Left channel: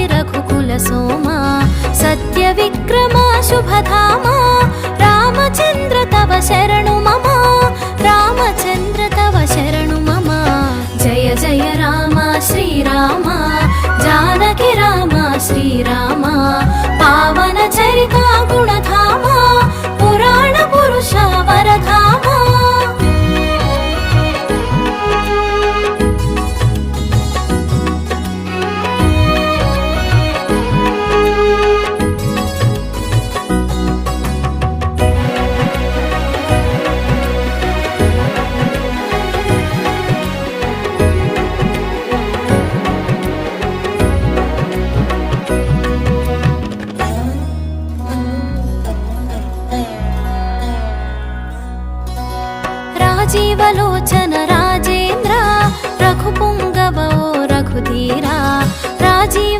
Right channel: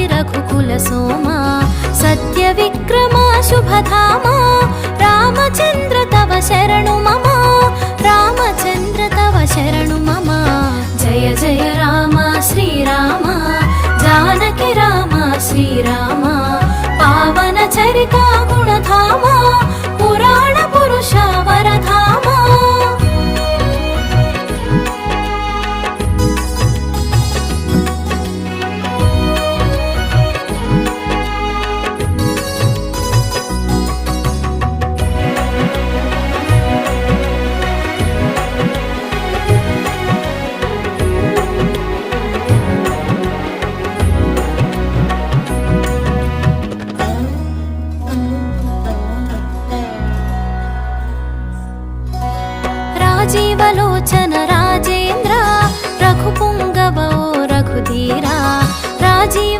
मूर्ति रघुकुल सोमा सत्य विक्रमा शुभधामा रामचंद्र तव शरणु मम रामचंद्र तव शरणु मम जय जय राम श्रीराम जानकी राम श्रीराम पावन चरिता गुणधामा पुराण पुरुष वरधामा राजीवलोचन राजेन्द्र रघुपुंगव रघुधीरा राजीव